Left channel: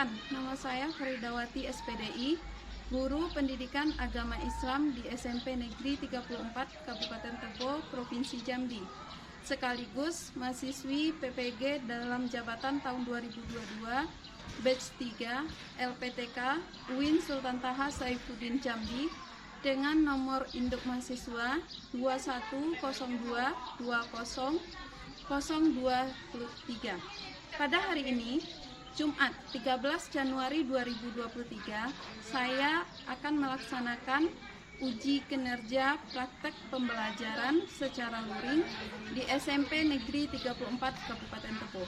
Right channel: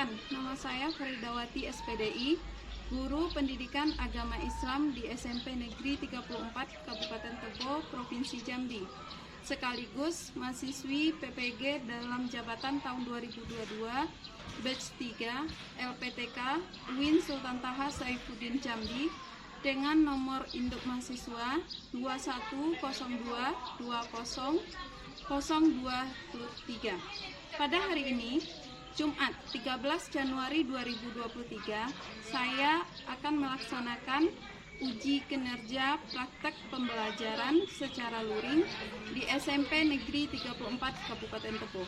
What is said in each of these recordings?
Perkenalkan, nama saya Faridawati SPDI, Guru Pendidikan Agama Islam di SMP Negeri 34 Kabupaten Tebo, Provinsi Jambi. Sekaligus mahasiswi PPG dalam jabatan tahun 2022, batch 3, LPTK, UIN Sultan Taha Saifuddin Jambi, dengan nomor induk mahasiswa 2120200023. Pada hari ini, Jumat 13 Januari 2023, saya akan melaksanakan uji kinerja praktek pembelajaran secara luring di SMP Negeri 34 Kabupaten Tebo.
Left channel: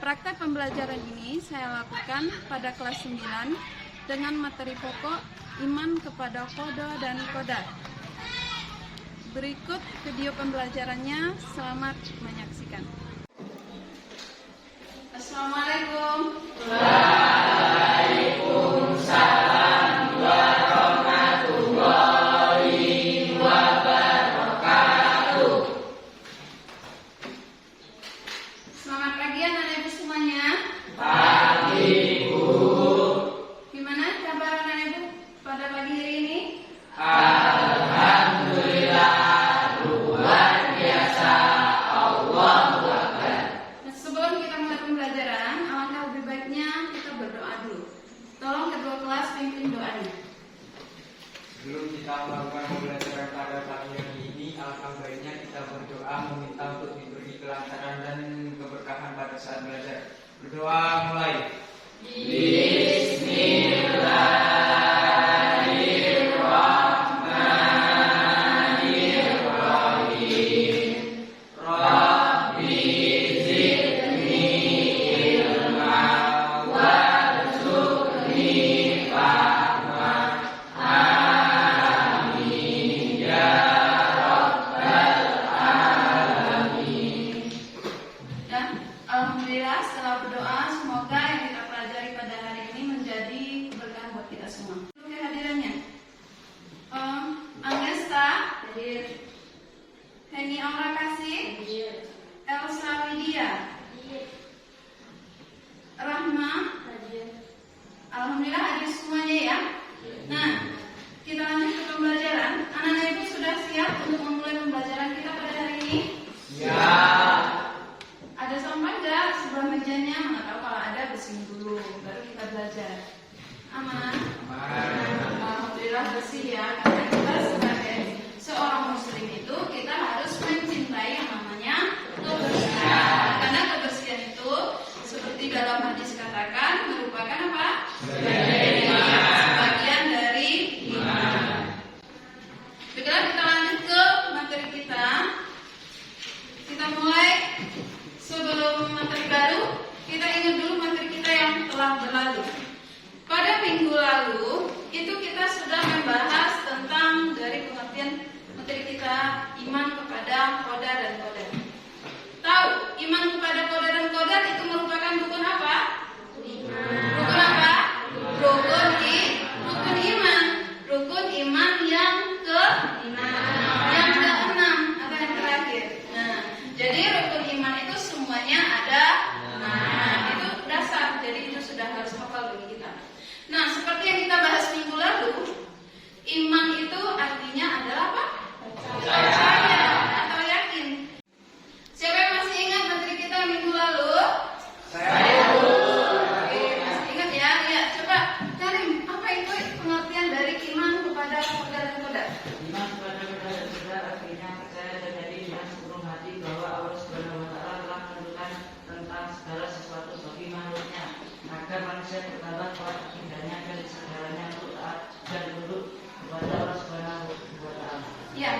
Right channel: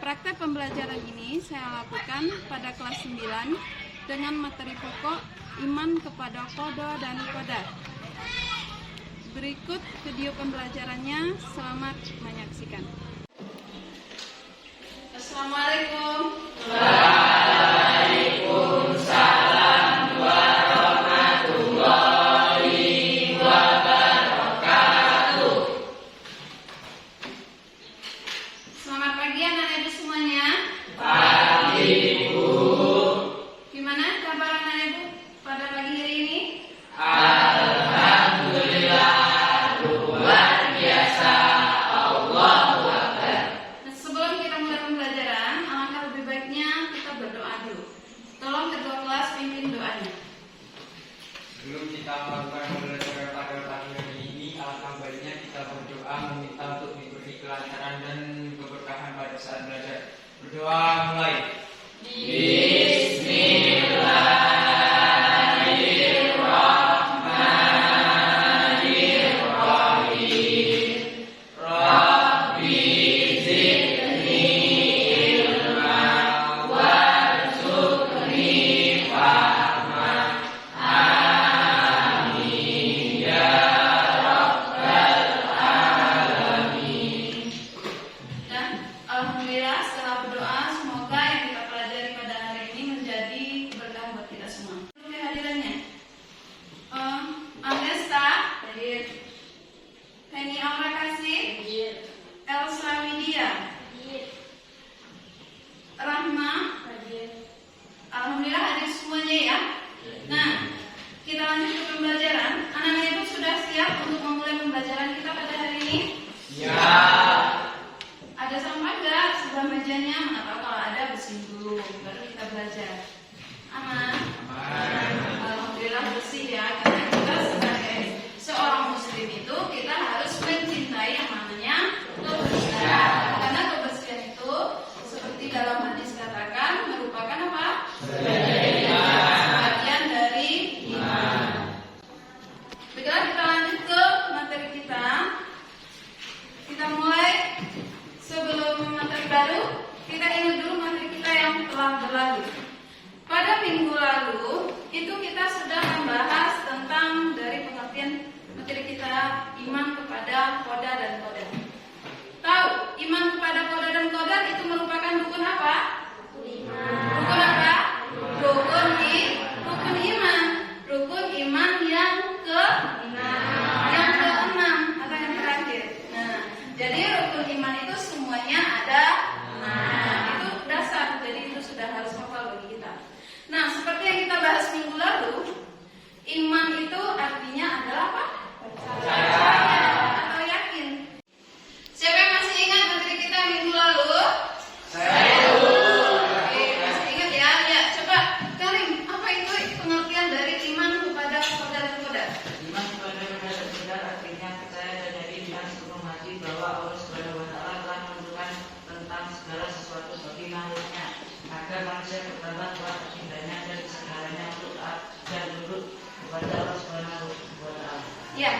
Praktek pembelajaran ini saya lakukan pada kelas 9 dengan materi pokok iman kepada qada dan qadar. Berikut video pembelajarannya, selamat menyaksikan. Assalamualaikum. Waalaikumsalam warahmatullahi wabarakatuh. Selamat pagi anak-anak semuanya. Pagi, Bu. Gimana kabar anak-anak pada pagi hari ini? Alhamdulillah, luar biasa. Allahu Akbar. Nah, sebelum kita mulai pembelajaran, alangkah lebih baiknya kita berdoa dulu. Tolong kedua kelas pimpin doanya. Sebelum kita melakukan pembelajaran pada pagi hari ini, alangkah baiknya kita berdoa meminta untuk diberi kelancaran dan keberkahan pada saat belajar. Berdoa mulai. Bismillahirrahmanirrahim. Rabbi zidni ilma warzuqni fahma. Amin ya rabbal alamin. Dan alhamdulillah setelah berdoa, semoga yang kita pelajari pada hari ini menjadi berkah buat kita semua. Kehadirannya, Anesta hadir, Heni Aura Kasih, Elsa Widya, Rahma, alhamdulillah hadir semuanya ya. Nah, kita lanjut ke pembelajaran. Anak-anak ibu sudah siap untuk memulai pembelajaran kita pada hari ini? Ya. Ada sampah nggak sebelah mejanya? Mana tahu kalau ada bersihin dulu, baru kita belajar. Aman? Alhamdulillah bersih ya, karena kita sebagai seorang muslim itu kita harus mencintai yang namanya kebersihan. Karena kebersihan itu seperti dalam hadis katakan merupakan apa? Sebagian dari iman. Baiklah, kita lanjut ke materi kita. Kita mulai. Sebelum materi baru, kita ingat dulu materi kita yang telah berlalu. Pada minggu lalu, itu kita sudah membahas tentang dari pengertian materi kita, iman kepada qada dan qadar. Tahu, iman kepada qada dan qadar itu merupakan rukun apa? Rukun apa? Rukun iman. Rukun iman yang ke-6 atau yang terakhir. Nah, jadi rukun iman itu semuanya ada. Nah, itu dasar. Jadi itu sudah harus hafal bagi kita. Nah, seperti yang kita bahas minggu lalu, iman itu artinya adalah apa? Percaya atau yakin. Siapa yang masih ingat materi kita minggu lalu? Saya Oke, masih ingat ya? Ya, coba Karim, apa itu pengertian dari iman kepada qada dan qadar? Iman kepada qada dan qadar artinya percaya dan yakin dengan sepenuh hati bahwa Allah Subhanahu wa taala telah menentukan tentang segala sesuatu bagi makhluknya agar manusia bertambah kuat akidahnya dan segalanya untuk taat dan tunduk kepada Allah Subhanahu wa taala. Ya,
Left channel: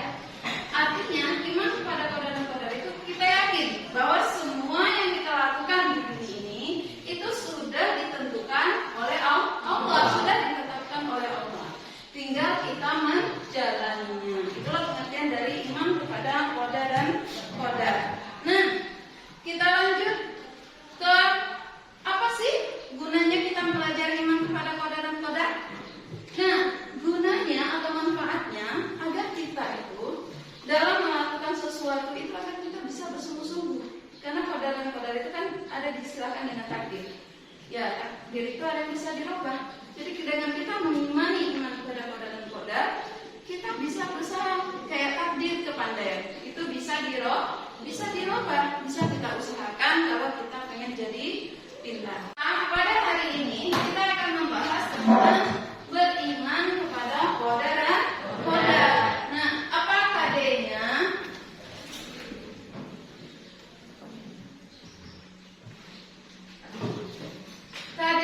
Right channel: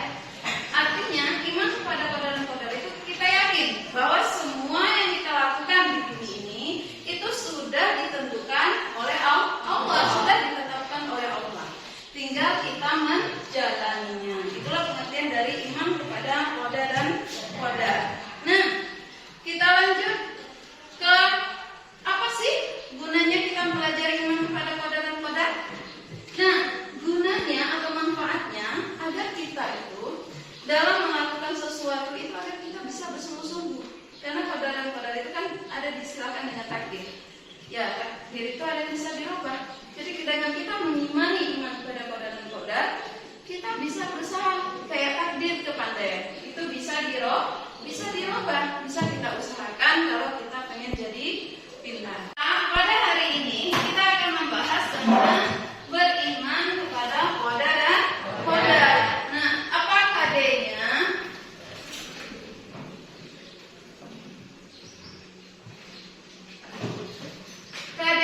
artinya iman kepada qada dan qadar itu kita yakin bahwa semua yang kita lakukan di bumi ini itu sudah ditentukan oleh Allah, sudah ditetapkan oleh Allah. Tinggal kita menjalaninya. Itulah pengertian dari iman kepada qada dan qadar. Nah, kita lanjut ke apa sih gunanya kita mempelajari iman kepada qada dan qadar? Nah, gunanya atau manfaatnya agar kita itu takdir itu ada yang bisa dirubah. Jadi dengan kita mengimani iman kepada qadar dan qadar, kita bisa berusaha kayak takdir kepandaian. Itu bisa dirubah, bisa kita usahakan kalau kita pengen jadi pintar. Nah, pada hari ini kita akan membahas tentang beriman kepada qadar dan qadar. Nah, apa KD-nya? KD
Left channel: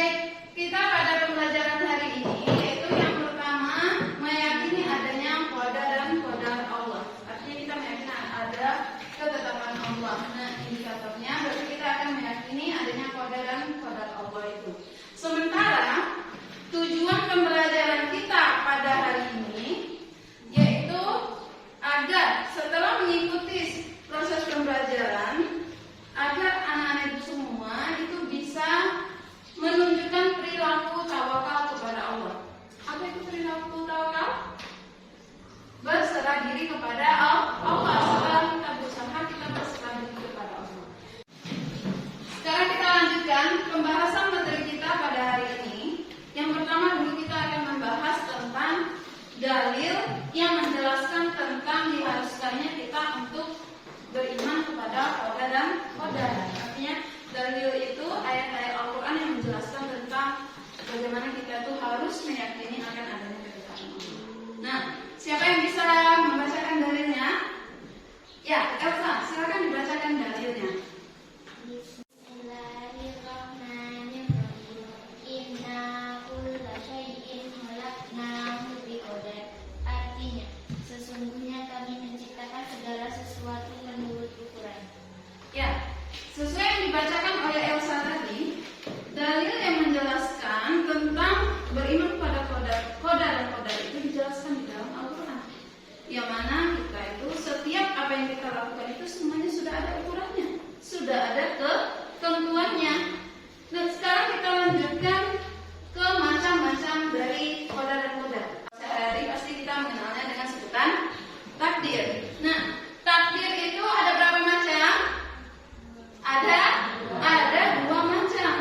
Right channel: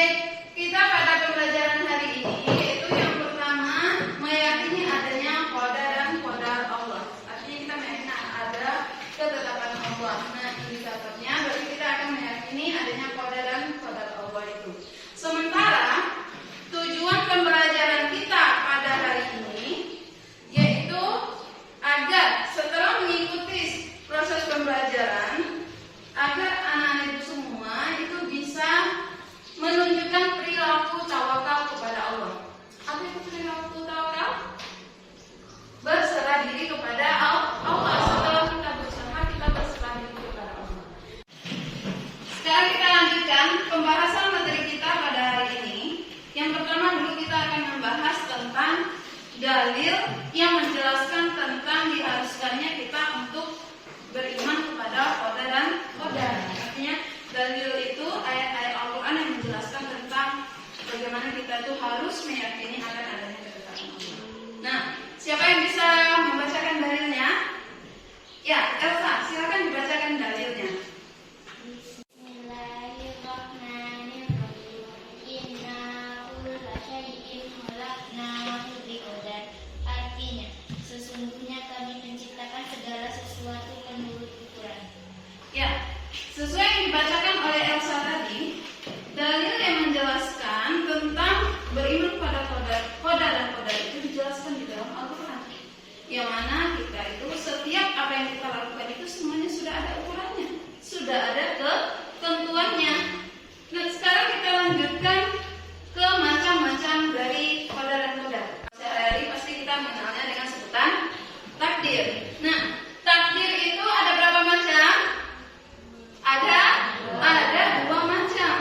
kita pada pembelajaran hari ini yaitu yang pertama meyakini adanya qadar dan qadar Allah. Artinya kita meyakini ada ketetapan Allah. Nah, indikatornya berarti kita akan meyakini adanya qadar dan qadar Allah itu. Sementara tujuan pembelajaran kita pada hari ini yaitu agar setelah mengikuti proses pembelajaran agar anak-anak itu semua itu bisa menunjukkan perilaku tawakal kepada Allah. Apa itu perilaku tawakal? Berserah diri kepada Allah. Setelah kita berusaha, kita berserah diri kepada Allah. Sekarang kita lanjutkan pembahasan materi kita pada hari ini. Yang pertama dulu kita akan membahas tentang dalil yang menjelaskan tentang diharuskannya kita untuk beriman kepada qadar dan qadar. Artinya dalil itu ayat-ayat Al-Quran yang menjelaskan tentang bagaimana kita itu harus meyakini akan adanya ketetapan Allah. Nah, siapa yang bisa membacakan dalilnya? Ya, Elsa, silakan dibacakan dalilnya. Bismillahirrahmanirrahim. Inna kulla syai'in khalaqnahu biqadar. Artinya, sesungguhnya kami menciptakan segala sesuatu menurut ukuran. Ya, sesuai yang dibacakan oleh Elsa tadi, dalil yang menjelaskan tentang beriman kepada qadar dan qadar itu dijelaskan di dalam Al-Quran. Yang mana kita itu setiap apa yang kita lakukan itu semuanya sudah ada ukurannya, sudah ada ketentuannya. Nah, sekarang kita lanjutkan ke macam-macam dari qadar dan qadar. Sehari-hari pasti kita mengenalnya dengan sebutan takdir. Nah, takdir itu ada berapa macam? Ada dua macam.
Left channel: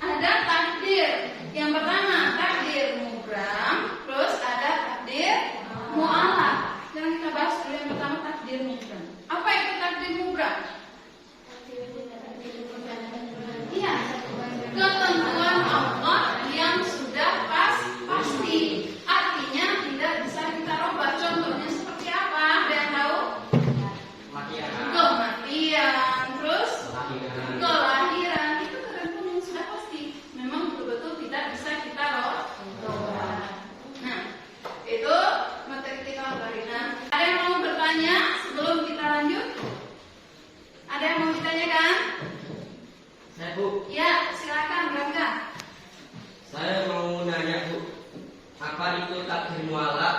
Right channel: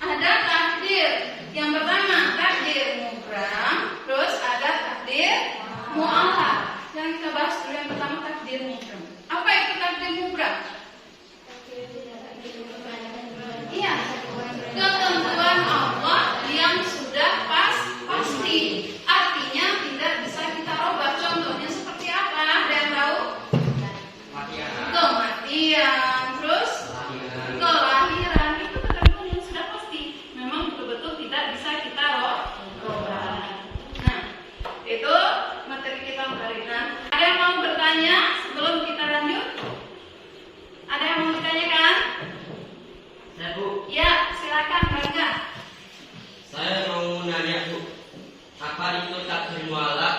Ada takdir. Yang pertama takdir mubram, terus ada takdir mu'alaq. Yang kita bahas dulu yang pertama takdir mubram. Apa itu takdir mubram? Iya, ketentuan Allah yang sudah pasti. Artinya tidak bisa kita rubah. Contohnya seperti apa? Ada yang tahu? Kematian, terus kelahiran, itu ketentuan yang sudah pasti. Memang betul-betul tidak bisa kita rubah. Nah, itu materi kita hari ini. Ada yang mau bertanya sebelum kita lanjut? Ada yang mau ditanyakan? Saya Bu, Ya, silakan Bangga. saya mau nanya Bu, apa itu takdir mu'alaq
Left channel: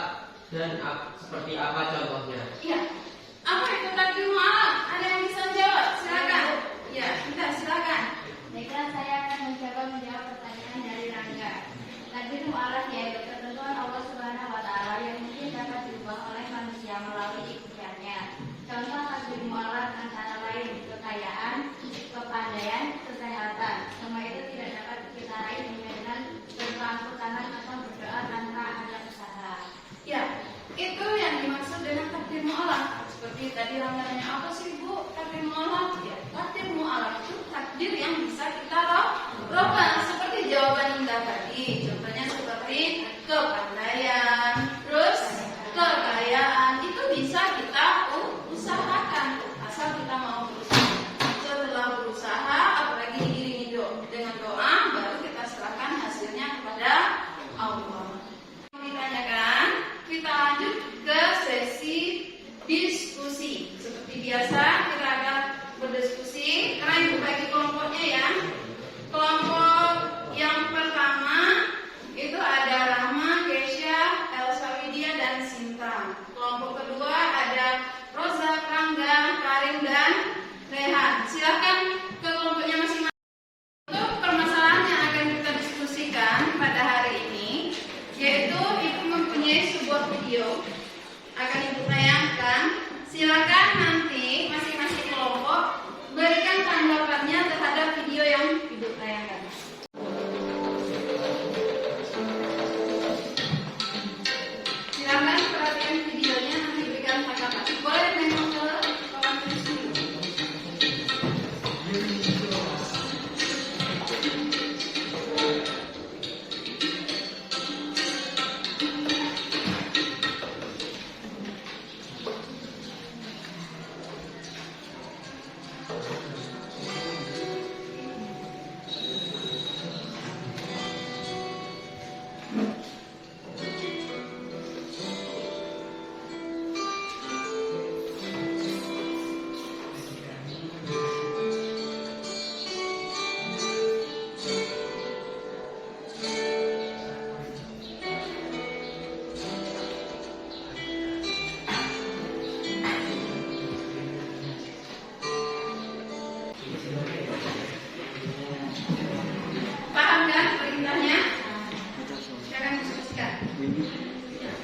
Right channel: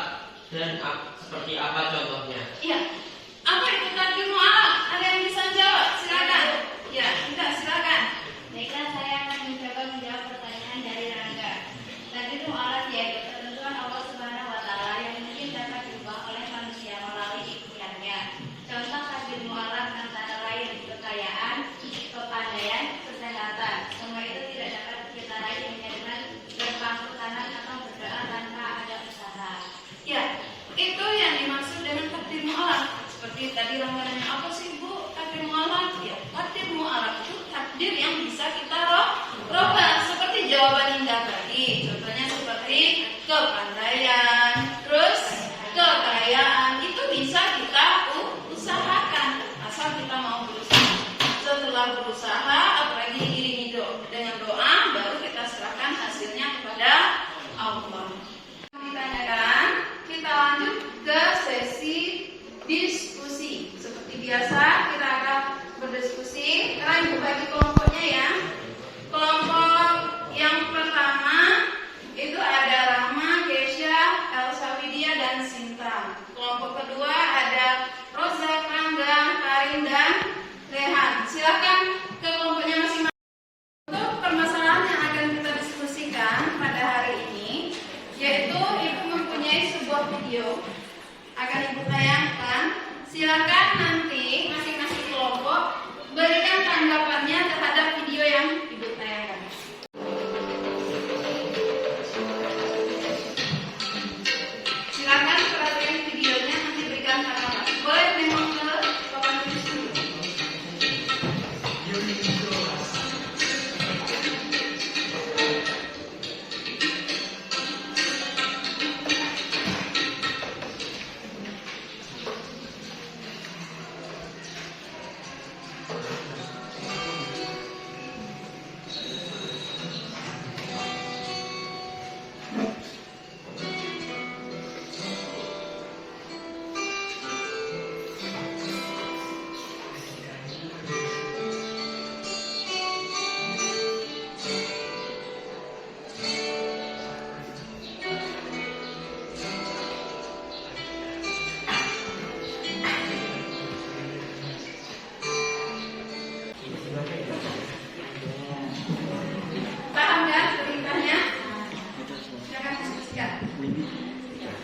dan seperti apa contohnya? Iya. Apa itu takdir mu'alaq? Ada yang bisa jawab? Silakan. Ya, kita silakan. Baiklah, saya akan mencoba menjawab pertanyaan dari Rangga. Takdir mu'alaq yaitu ketentuan Allah Subhanahu wa Ta'ala yang mungkin dapat diubah oleh manusia melalui ikhtiarnya. Contoh takdir mu'alaq antara lain kekayaan, kepandaian, kesehatan. Semua itu tidak dapat kita raih dengan berpangku tangan atau berdoa tanpa ada usaha. Ya, itu yang dimaksud dengan takdir mu'alaq. Seperti tadi Rangga nanya, apa sih Bu takdir mu'alaq? Ya, takdir mu'alaq itu takdir yang bisa kita rubah. Seperti jawaban Indah tadi. Contohnya seperti kepandaian, terus kekayaan. Itu bisa kita usahakan asal kita mau berusaha. Setelah berusaha, apalagi diiringi dengan doa, baru kita serahkan hasilnya kepada Allah. Ditanyakan, kita lanjut ke sesi diskusi. Seperti biasa kita akan berdiskusi. Karena dibagi kelompoknya ya. Kelompok yang pertama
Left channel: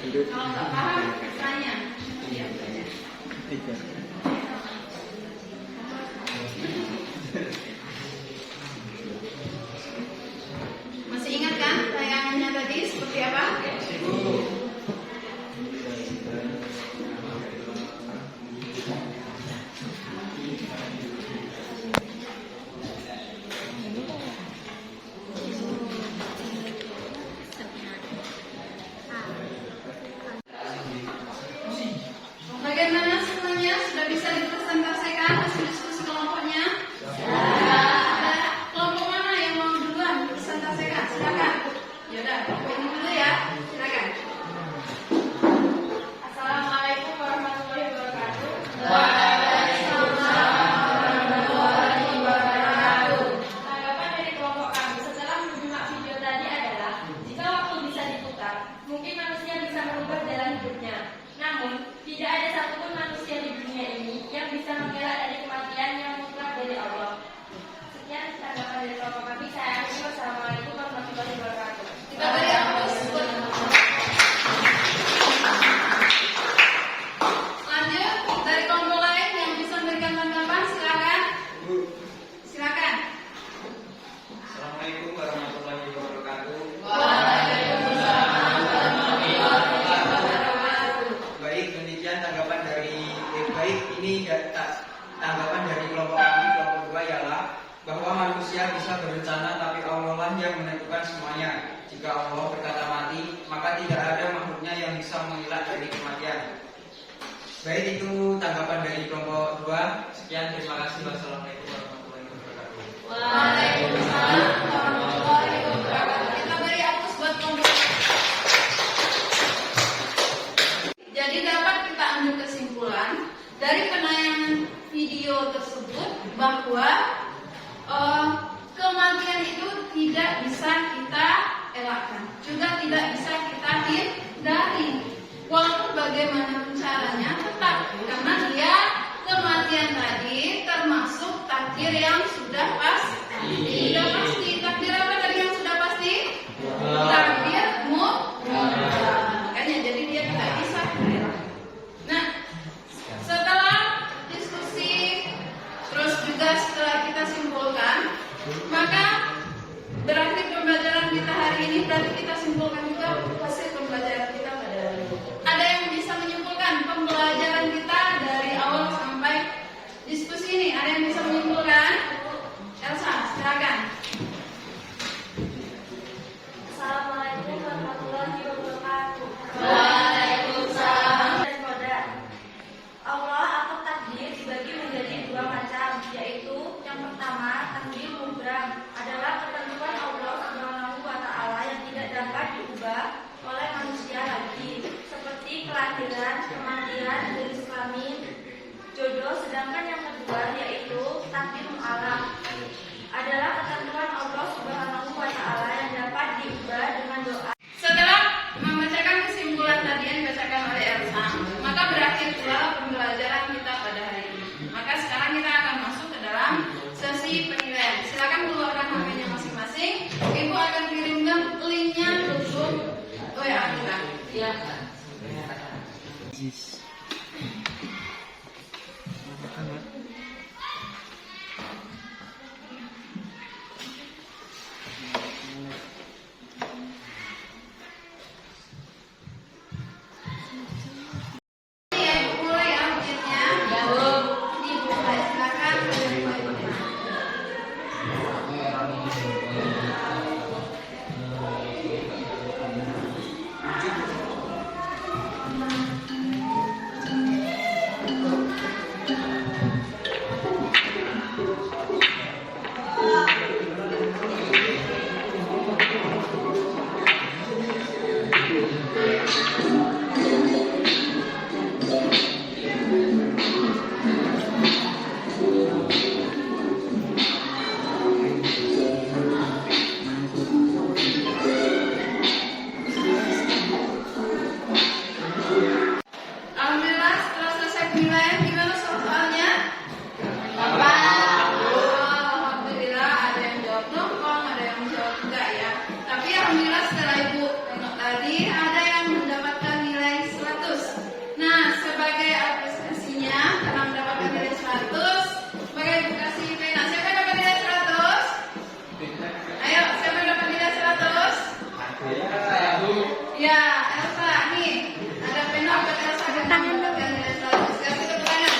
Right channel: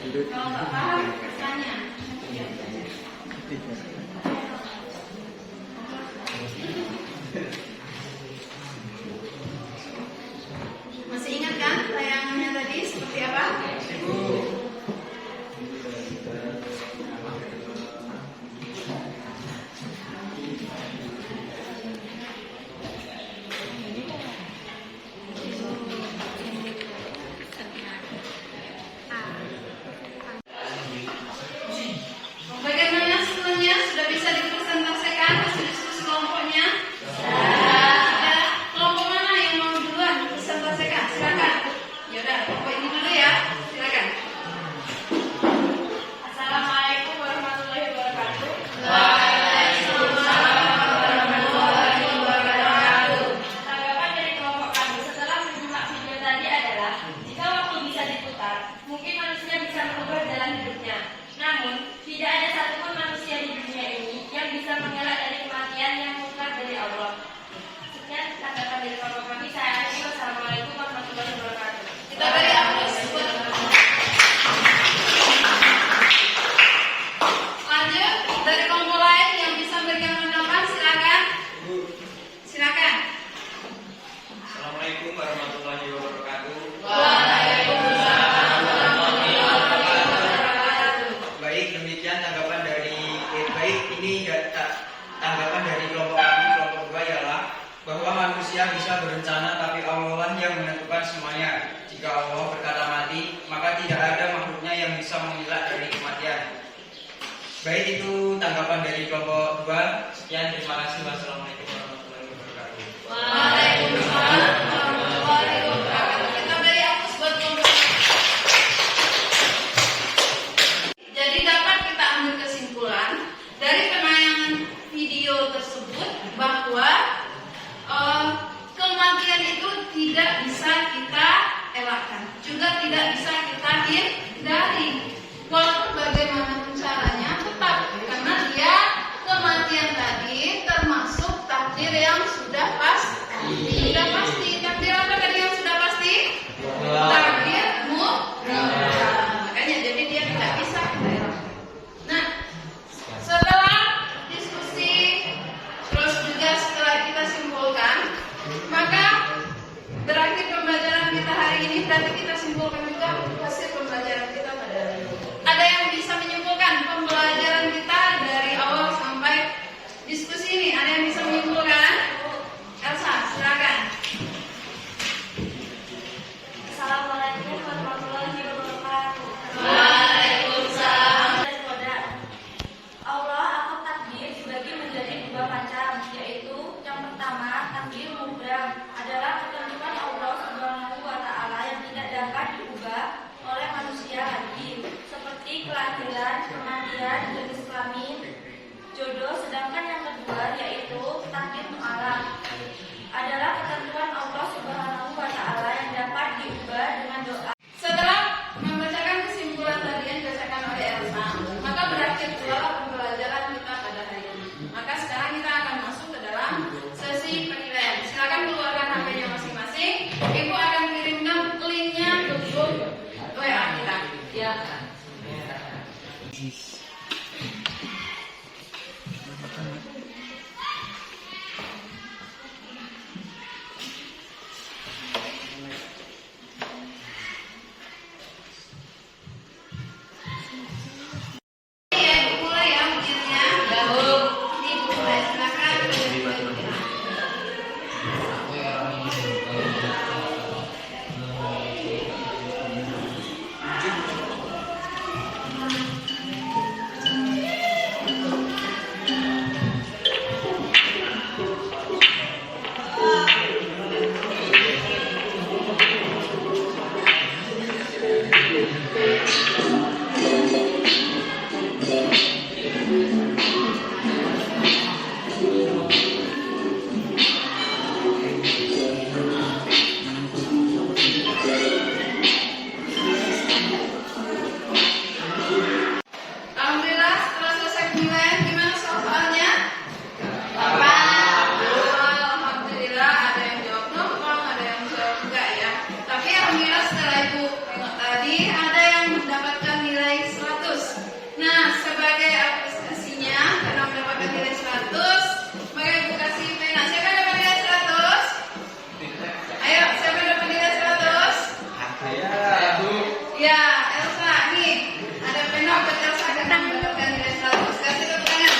Kalau nggak paham, tanya. Masih ingat kan tayangannya tadi seperti apa? Bagaimana semuanya? Sudah bisa dipresentasikan hasil diskusi kelompoknya? Ada kelompok mana yang mau duluan presentasikan? Silakan. Ya udah, kelompok ini dulu ya. Silakan. Assalamualaikum warahmatullahi wabarakatuh. Tanggapan dari kelompok kami setelah menyimak video tadi adalah jika waktu bisa diputar, mungkin manusia bisa merubah jalan hidupnya. Namun, tidak ada satupun manusia di dunia ini yang bisa mengelak dari kematian yang mutlak dari Allah. Sekian tanggapan dari kelompok kami. Saya akhiri. Wassalamualaikum warahmatullahi wabarakatuh. Kita beri aplaus buat lanjut dari kelompok lain yang bisa memberikan tanggapan, silakan. Silakan. Assalamualaikum warahmatullahi wabarakatuh. Baik, demikian tanggapan dari tanggapan dari kelompok kami, kelompok 2 ialah bahwa manusia bisa berencana tapi Allah lah yang menentukan semuanya. Jika Allah berkata mati, maka tidak ada makhluknya yang bisa mengelak dari kematian. Baik, itu tanggapan dari kelompok 2. Sekian, terima kasih. Wassalamualaikum warahmatullahi wabarakatuh. Waalaikumsalam warahmatullahi wabarakatuh. Kita beri aplaus buat kelompok. Jadi dapat kita ambil kesimpulan dari penayangan video tersebut bahwa kematian itu tidak bisa kita elakkan, juga tidak bisa kita hindari. Walaupun bagaimana caranya, tetap karena dia kematian tadi termasuk takdir yang sudah pasti. Sudah pasti. Takdir apa tadi yang sudah pasti? Takdir mutlak. Makanya jadi dia tidak bisa kita elakkan. Nah, setelah diskusi terus juga setelah kita simpulkan, maka berakhir pembelajaran kita hari ini. Berarti kita simpulkan juga hasil pembelajaran kita pada hari ini. Ada yang bisa menyimpulkan pembelajaran kita dari awal sampai diskusi ini? Ada yang bisa menyimpulkan? Elsa, silakan. Assalamualaikum warahmatullahi wabarakatuh. Waalaikumsalam. Allah atur takdir dibagi menjadi 2 macam, yaitu yang pertama takdir mubrah adalah ketentuan Allah Subhanahu wa taala yang tidak dapat diubah oleh manusia lagi, seperti kelahiran, kematian, jenis kelamin, jodoh. Sedangkan yang kedua yaitu takdir mu'alaq adalah ketentuan Allah Subhanahu wa taala yang dapat diubah dengan doa. Setelah membacakan kesimpulan tadi yang dibacakan oleh Elsa, maka berakhir pula pembelajaran kita pada hari ini. Maka sekarang kita akan masuk ke dalam sesi penilaian. Silakan keluarkan HP-nya masing-masing. Ibu akan kirimkan linknya ke grup WA kita. Silakan. Ya, Ibu mulai ya ujiannya. Ibu mulai, silakan. Alhamdulillah setelah selesai penilaian, gimana soal-soalnya? Alhamdulillah ada yang jawab nongkrong, ada yang jawab enggak ya. Tapi alhamdulillah setelah Ibu tengok tadi ada yang mendapatkan nilai Ya, Elsa nih. Ada pena buat Elsa dengan mendapatkan nilai 100. Kasih tepuk tangan.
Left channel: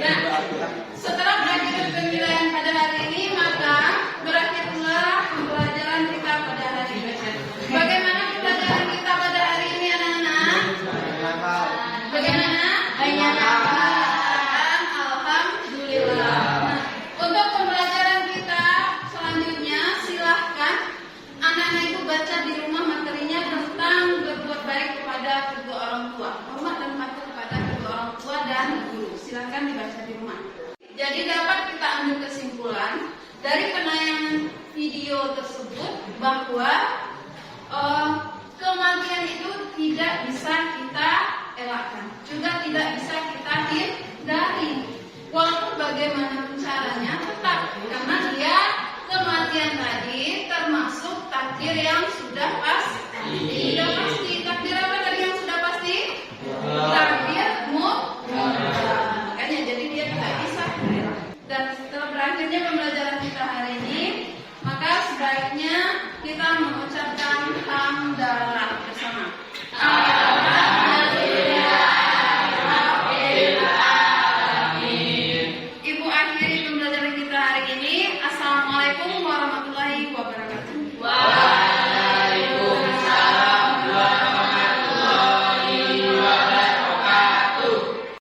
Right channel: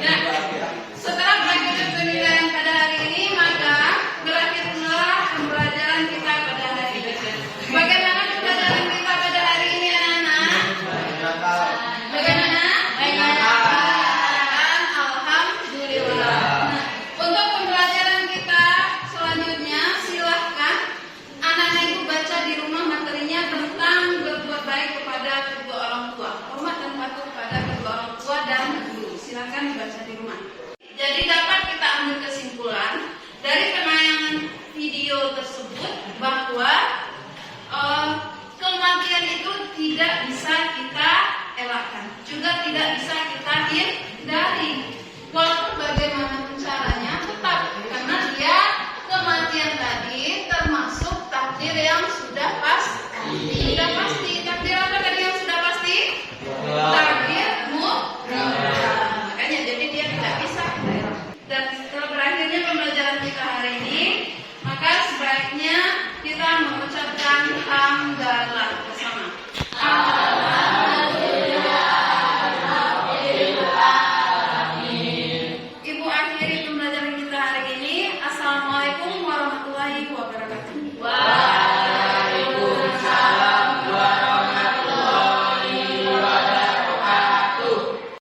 Ya, setelah berakhir penilaian pada hari ini, maka berakhirlah pembelajaran kita pada hari ini. Bagaimana pembelajaran kita pada hari ini, anak-anak? Bagaimana? Alhamdulillah. Nah, untuk pembelajaran kita selanjutnya, silahkan anak-anak ibu baca di rumah materinya tentang berbuat baik kepada kedua orang tua, hormat dan patuh kepada kedua orang tua dan guru. Silahkan dibaca di rumah. Jadi dapat kita ambil kesimpulan dari penayangan video tersebut bahwa kematian itu tidak bisa kita elakkan, juga tidak bisa kita hindari. Walaupun bagaimana caranya, tetap karena dia kematian tadi termasuk takdir yang sudah pasti. Sudah pasti. Takdir apa tadi yang sudah pasti? Takdir mutlak. Makanya jadi dia tidak bisa kita elakkan. Dan setelah berakhirnya pembelajaran kita hari ini, maka sebaiknya kita mengucapkan hamdalah bersama. Ibu akhiri pembelajaran kita hari ini. Assalamualaikum warahmatullahi wabarakatuh.